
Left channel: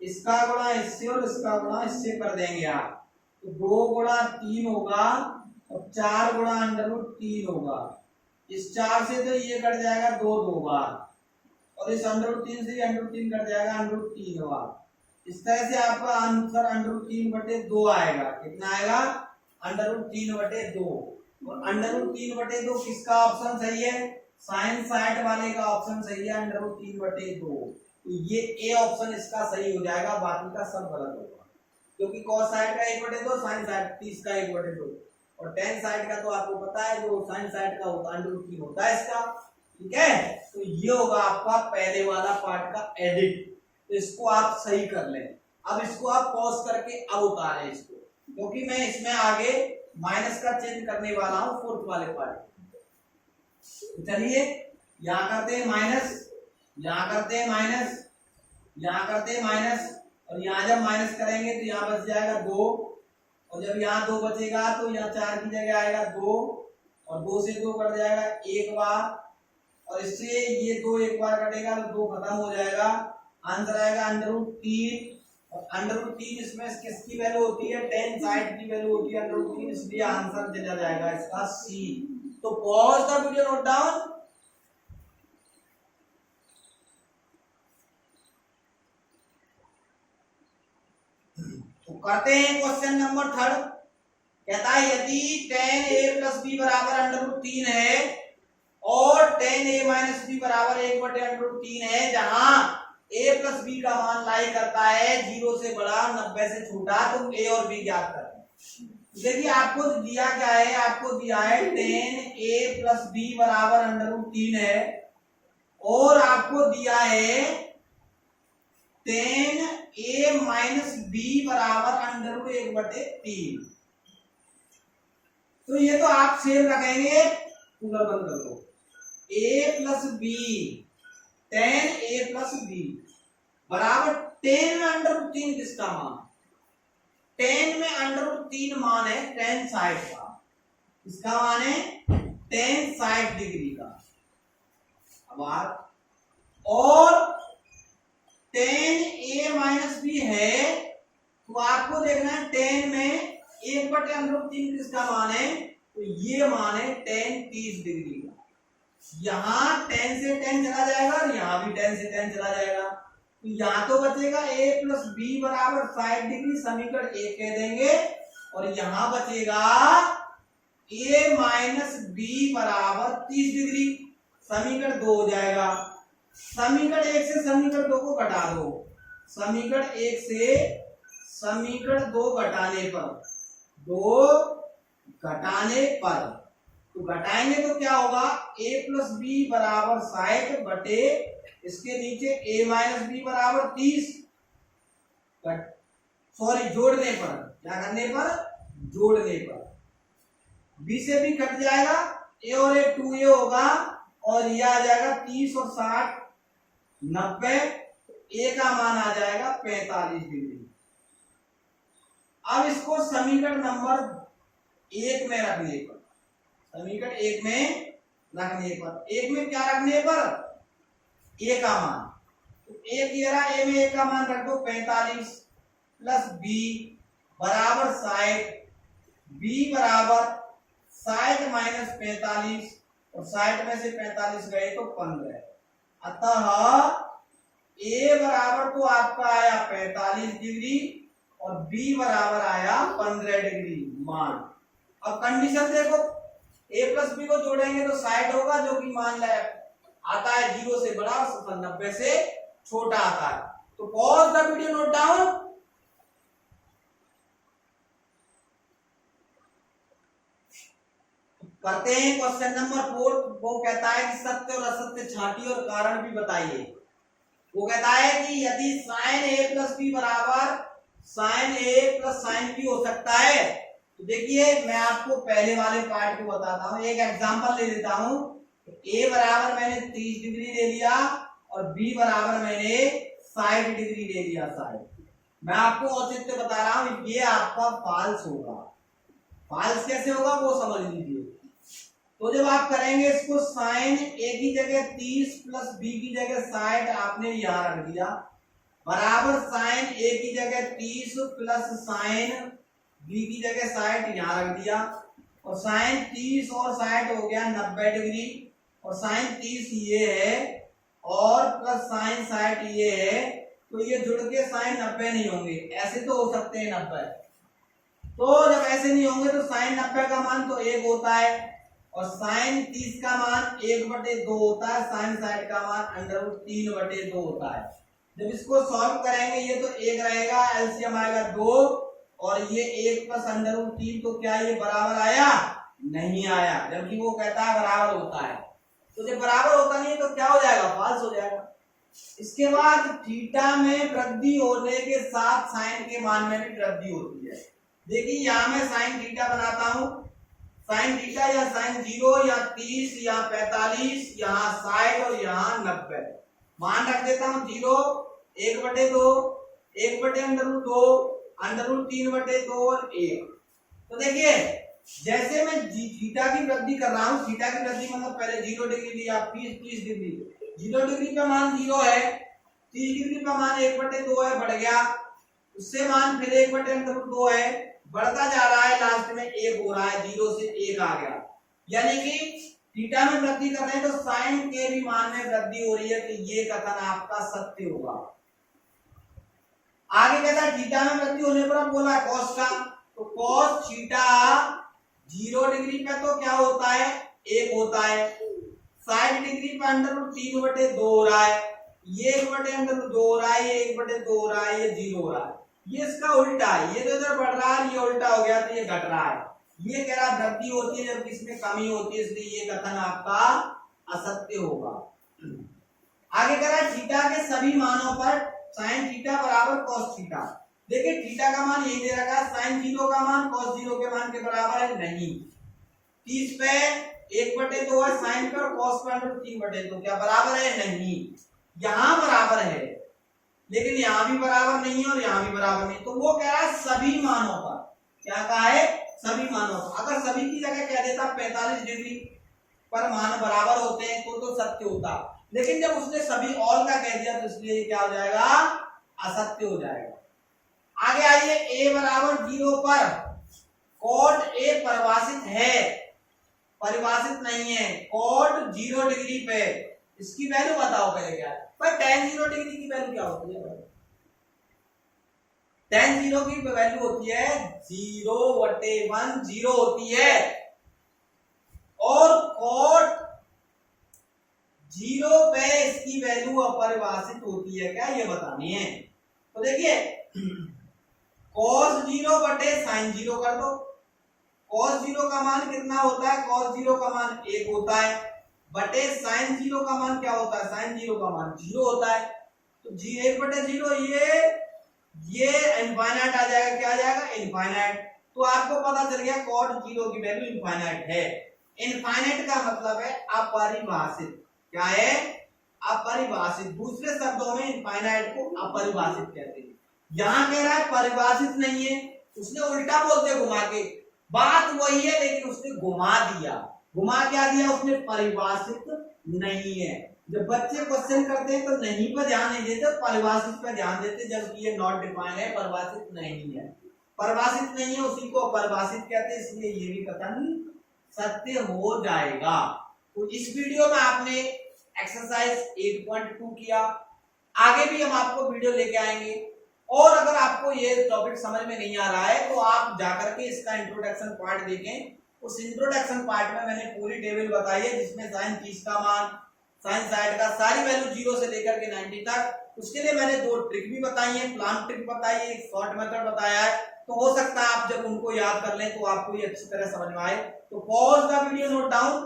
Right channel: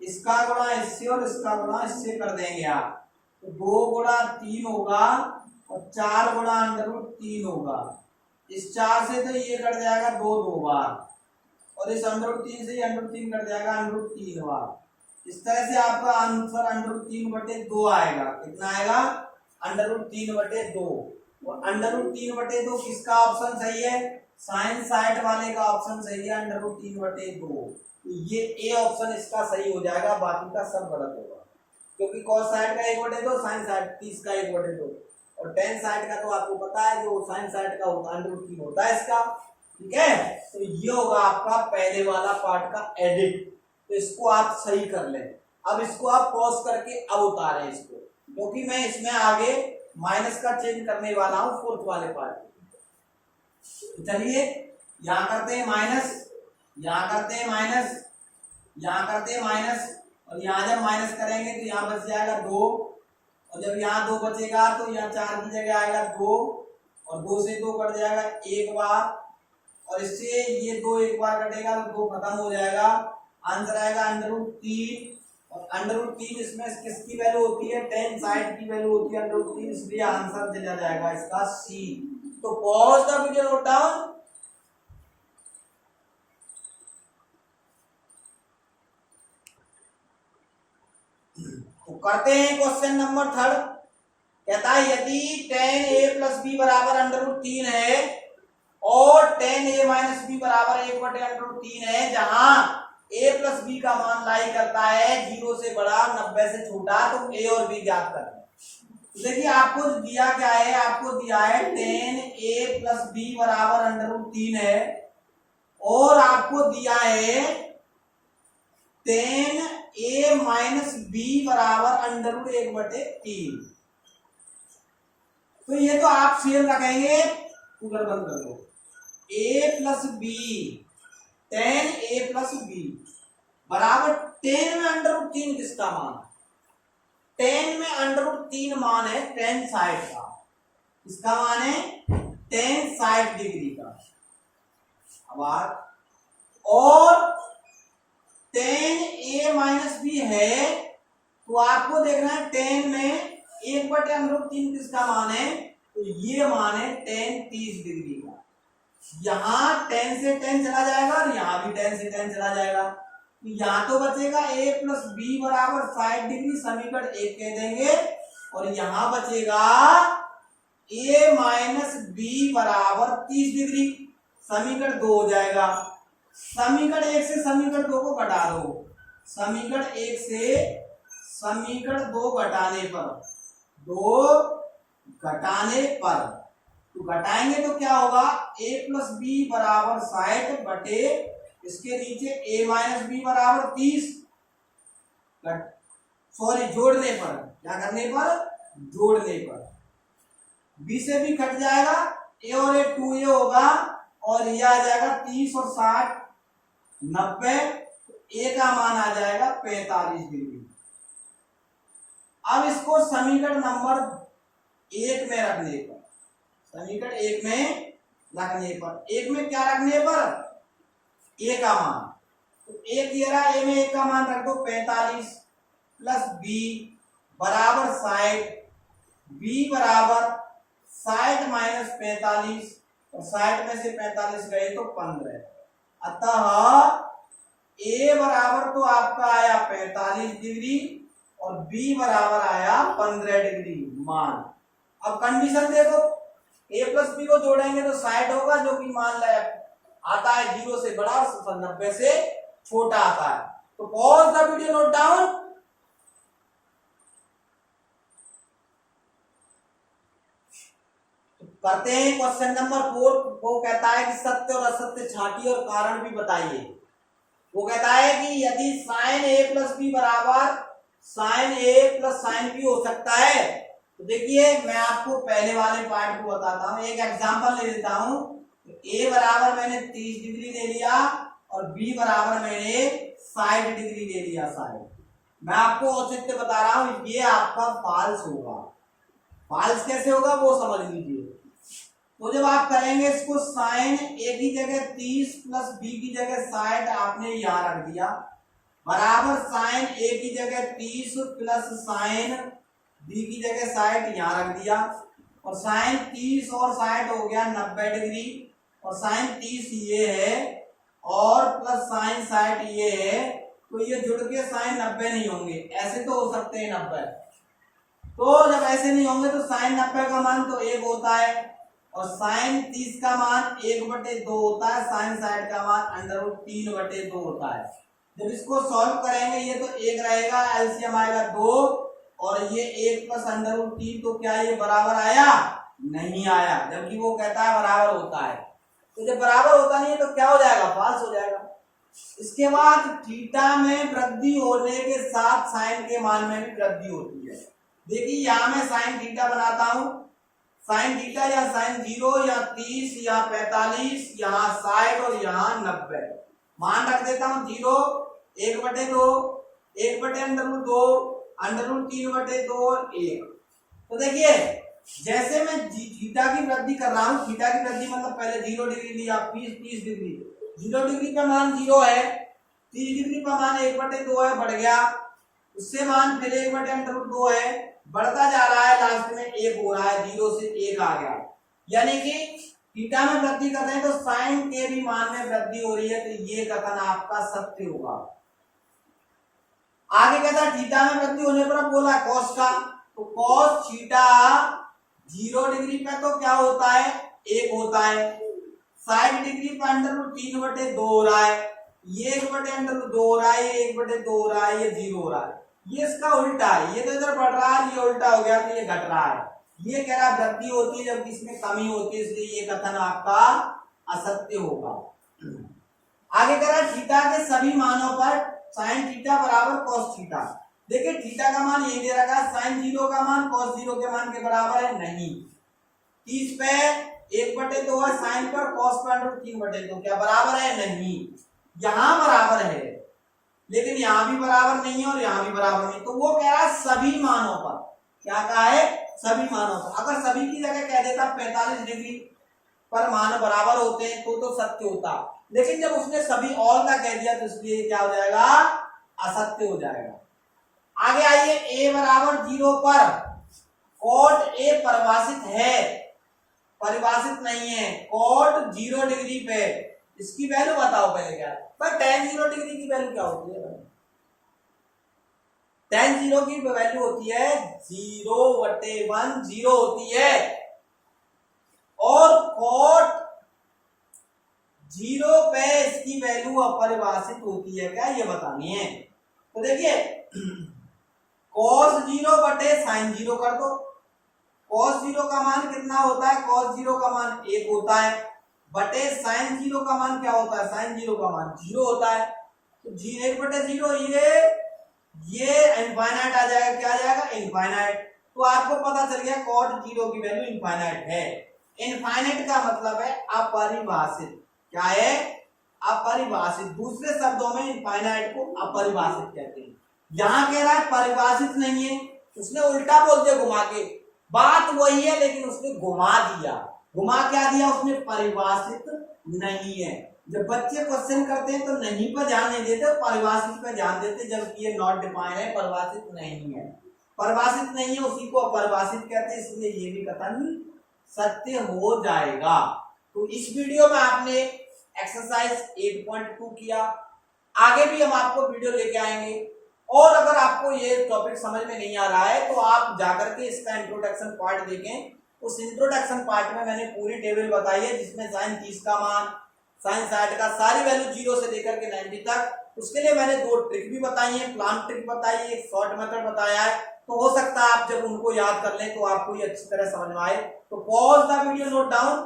इसका गुणा इससे और इसका गुणा इससे कर देंगे आप, तो 2 गुणा 3 होगा और 4 गुणा √3 होगा। इस 4 से तो ये कट जाएगा 2 2 बार, और इस √3 से ये √3 कट जाएगा √3 बार। इस तरह से आपका आंसर √3/2 आएगा। कितना आएगा? √3/2। और √3/2 किसका ऑप्शन सही है? साइन 60 वाले का ऑप्शन सही है, √3/2। तो ये ए ऑप्शन इसका सही हो जाएगा, बाकी का सब गलत होगा, क्योंकि cos 60 का 1/2, साइन 30 का 1/2, और tan 60 का तो आपको पता है जो साइन 60 का होता है √3 होता है इसका। ठीक है, तो ये होगा आपका पहले वाला पार्ट का एडिट। तो इसको आप सही कर लें। अब इसको आप पॉज करके अब उतारें इसको, क्योंकि मैं इसमें आगे माइनस का चेंज करने वाला हूं फोर्थ वाले पार्ट। चलिए यहां करते हैं माइनस, यहां करते हैं माइनस, यहां करते हैं माइनस, और यहां जब माइनस करेंगे तो यहां बच जाएगा 2, और जब यहाँ 2 बचेगा तो यहाँ 4 की जगह आएगा 2, और 2 से 2 कट जाएगा 1 बार, और इससे ये 2 एक बार कटेगा तो 2 खत्म हो जाएगा। आंसर आएगा √3, और √3 इसमें किसकी वैल्यू होती है? tan 60 की वैल्यू होती है √3, इसलिए आंसर चला जाएगा इसका सी। तो pause the video, note down. तो करते हैं क्वेश्चन नंबर 3। कहता है यदि tan a + b बराबर √3 है और tan a - b बराबर 1/√3 है, जहां a + b का मान लाई करता है 0 से बड़ा 90 से छोटा, तो a और b ज्ञात करना। देखिए आपको दिया क्या है? आपको दिया है tan a + b बराबर √3 है और आपको दिया है tan a माइनस बी बराबर अंडर रूट 1/3। तो ये तो आप सेम रखेंगे, कूलर बंद कर दो। a plus b, tan a plus b बराबर tan में अंडर रूट 3 किसका मान? tan में अंडर रूट 3 मान है tan साइड का। इसका मान है tan 60 डिग्री का। अब और tan a माइनस बी है, तो आपको देखना है tan में 1/√3 किसका मान है? तो ये मान है tan 30 डिग्री का। यहां tan से tan चला जाएगा और यहां भी tan से tan चला जाएगा, तो यहां तो बचेगा a प्लस बी बराबर 60 डिग्री, समीकरण 1 कह देंगे। और यहां बचेगा a माइनस बी बराबर 30 डिग्री, समीकरण 2 हो जाएगा। समीकरण 1 से समीकरण 2 को घटा दो। समीकरण 1 से समीकरण 2 घटाने पर, 2 घटाने पर, तो घटाएंगे तो क्या होगा? a प्लस बी बराबर 60 बटे इसके नीचे a माइनस बी बराबर 30। सॉरी, जोड़ने पर, क्या करने पर? जोड़ने पर b से b कट जाएगा, a और a 2a होगा, और यह आ जाएगा 30 और 60 90, a का मान आ जाएगा 45 डिग्री। अब इसको समीकरण नंबर 1 में रखने पर, समीकरण 1 में रखने पर, 1 में क्या रखने पर? a का मान, तो 1 ये रहा, a में 1 का मान रख दो 45 प्लस b बराबर 60, b बराबर 60 माइनस 45, और 60 में से 45 गए तो 15। अतः a बराबर तो आपका आया 45 डिग्री और b बराबर आया 15 डिग्री मान। अब कंडीशन देखो, a प्लस बी को जोड़ेंगे तो 60 होगा, जो कि मान आता है 0 से बड़ा और 90 से छोटा आता है। तो pause the video, note down. करते हैं क्वेश्चन नंबर 4। वो कहता है कि सत्य और असत्य छांटिए और कारण भी बताइए। वो कहता है कि यदि साइन a प्लस बी बराबर sine a plus sine b हो सकता है, तो देखिए मैं आपको पहले वाले पार्ट को बताता हूं, एक एग्जांपल ले लेता हूं। a बराबर मैंने 30 डिग्री ले लिया और b बराबर मैंने 60 डिग्री ले लिया। साइड मैं आपको औचित्य बता रहा हूं, ये आपका फॉल्स होगा। फॉल्स कैसे होगा वो समझ लीजिए। तो जब आप करेंगे इसको, साइन a की जगह 30 प्लस b की जगह 60 आपने यहां रख दिया, बराबर साइन a की जगह 30 प्लस साइन b की जगह 60 यहां रख दिया, और साइन 30 और 60 हो गया 90 डिग्री, और साइन 30 ये है और प्लस साइन 60 ये है, तो ये जुड़ के साइन 90 नहीं होंगे, ऐसे तो हो सकते हैं 90। तो जब ऐसे नहीं होंगे तो साइन 90 का मान तो 1 होता है, और साइन 30 का मान 1/2 होता है, साइन 60 का मान √3/2 होता है। जब इसको सॉल्व करेंगे ये तो 1 रहेगा, एलसीएम आएगा 2, और ये 1 प्लस √3, तो क्या ये बराबर आया? नहीं आया, जबकि वो कहता है बराबर होता है। तो जब बराबर होता नहीं है तो क्या हो जाएगा? फॉल्स हो जाएगा। इसके बाद थीटा में वृद्धि होने के साथ साइन के मान में भी वृद्धि होती है। देखिए यहां मैं साइन थीटा बनाता हूं, साइन थीटा या साइन 0 या 30 या 45, यहाँ 60 और यहाँ 90 मान रख देता हूं। 0 1/2, 1/√2, √3/2 और 1। तो देखिए जैसे मैं थीटा की वृद्धि कर रहा हूं, थीटा की वृद्धि मतलब पहले 0 डिग्री लिया, 30 डिग्री, 0 डिग्री पे मान 0 है, 30 डिग्री पे मान 1/2 है, बढ़ गया, उससे मान फिर 1/√2 है, बढ़ता जा रहा है, लास्ट में 1 हो रहा है, 0 से 1 आ गया। यानी कि थीटा में वृद्धि कर रहे हैं तो साइन के भी मान में वृद्धि हो रही है, तो ये कथन आपका सत्य होगा। आगे कहता है थीटा में वृद्धि होने पर बोला कॉस का, तो कॉस थीटा 0 डिग्री पे तो क्या होता है? 1 होता है। 60 डिग्री पे √3/2 हो रहा है, ये 1/2 हो रहा है, ये 1/2 हो रहा है, ये 0 हो रहा है। ये इसका उल्टा है, ये तो इधर बढ़ रहा है, ये उल्टा हो गया तो ये घट रहा है। ये कह रहा वृद्धि होती है जबकि इसमें कमी होती है, इसलिए ये कथन आपका असत्य होगा। आगे करा थीटा के सभी मानों पर साइन थीटा बराबर कॉस थीटा। देखिए थीटा का मान ये दे रखा है, साइन 0 का मान कॉस 0 के मान के बराबर है नहीं। 30 पे 1/2 है, साइन पर कॉस पर √3/2 क्या बराबर है नहीं। यहां बराबर है लेकिन यहां भी बराबर नहीं है और यहां भी बराबर नहीं, तो वो कह रहा है सभी मानों पर। क्या कहा है? सभी मानों पर। अगर सभी की जगह कह देता 45 डिग्री पर मान बराबर होते हैं तो सत्य होता, लेकिन जब उसने सभी ऑल का कह दिया तो इसलिए क्या हो जाएगा? असत्य हो जाएगा। आगे आइए, a बराबर 0 पर cot a परिभाषित है, परिभाषित नहीं है। cot 0 डिग्री पे इसकी वैल्यू बताओ पहले क्या है। पर tan 0 डिग्री की वैल्यू क्या होती है? tan 0 की वैल्यू होती है 0/1 0 होती है, और cot 0 पे इसकी वैल्यू अपरिभाषित होती है क्या, ये बतानी है। तो देखिए cos 0 बटे sin 0 कर दो। cos 0 का मान कितना होता है? cos 0 का मान 1 होता है, बटे sin 0 का मान क्या होता है? sin 0 का मान 0 होता है। तो 1/0 ये इनफाइनाइट आ जाएगा। क्या आ जाएगा? इनफाइनाइट। तो आपको पता चल गया cot 0 की वैल्यू इनफाइनाइट है। इनफाइनाइट का मतलब है अपरिभाषित। क्या है? अपरिभाषित। दूसरे शब्दों में इनफाइनाइट को अपरिभाषित कहते हैं। यहां कह रहा है परिभाषित नहीं है, उसने उल्टा बोल दिया घुमा के। बात वही है लेकिन उसने घुमा दिया। घुमा क्या दिया उसने? परिभाषित नहीं है। जब बच्चे क्वेश्चन करते हैं तो नहीं पर ध्यान नहीं देते, परिभाषित पर ध्यान देते, जबकि ये नॉट डिफाइन है, परिभाषित नहीं है। परिभाषित नहीं है उसी को अपरिभाषित कहते हैं, इसलिए ये भी कथन सत्य हो जाएगा। तो इस वीडियो में आपने एक्सरसाइज 8.2 किया। आगे भी हम आपको वीडियो लेके आएंगे, और अगर आपको ये टॉपिक समझ में नहीं आ रहा है तो आप जाकर के इसका इंट्रोडक्शन पार्ट देखें। उस इंट्रोडक्शन पार्ट में मैंने पूरी टेबल बताई है, जिसमें साइन 30 का मान, साइन 60 का सारी वैल्यू 0 से लेकर के 90 तक। उसके लिए मैंने 2 ट्रिक भी बताई है, प्लान ट्रिक बताई है, एक शॉर्ट मेथड बताया है। तो हो सकता है आप जब उनको याद कर लें तो आपको ये अच्छी तरह समझ में आए। तो pause the video, note down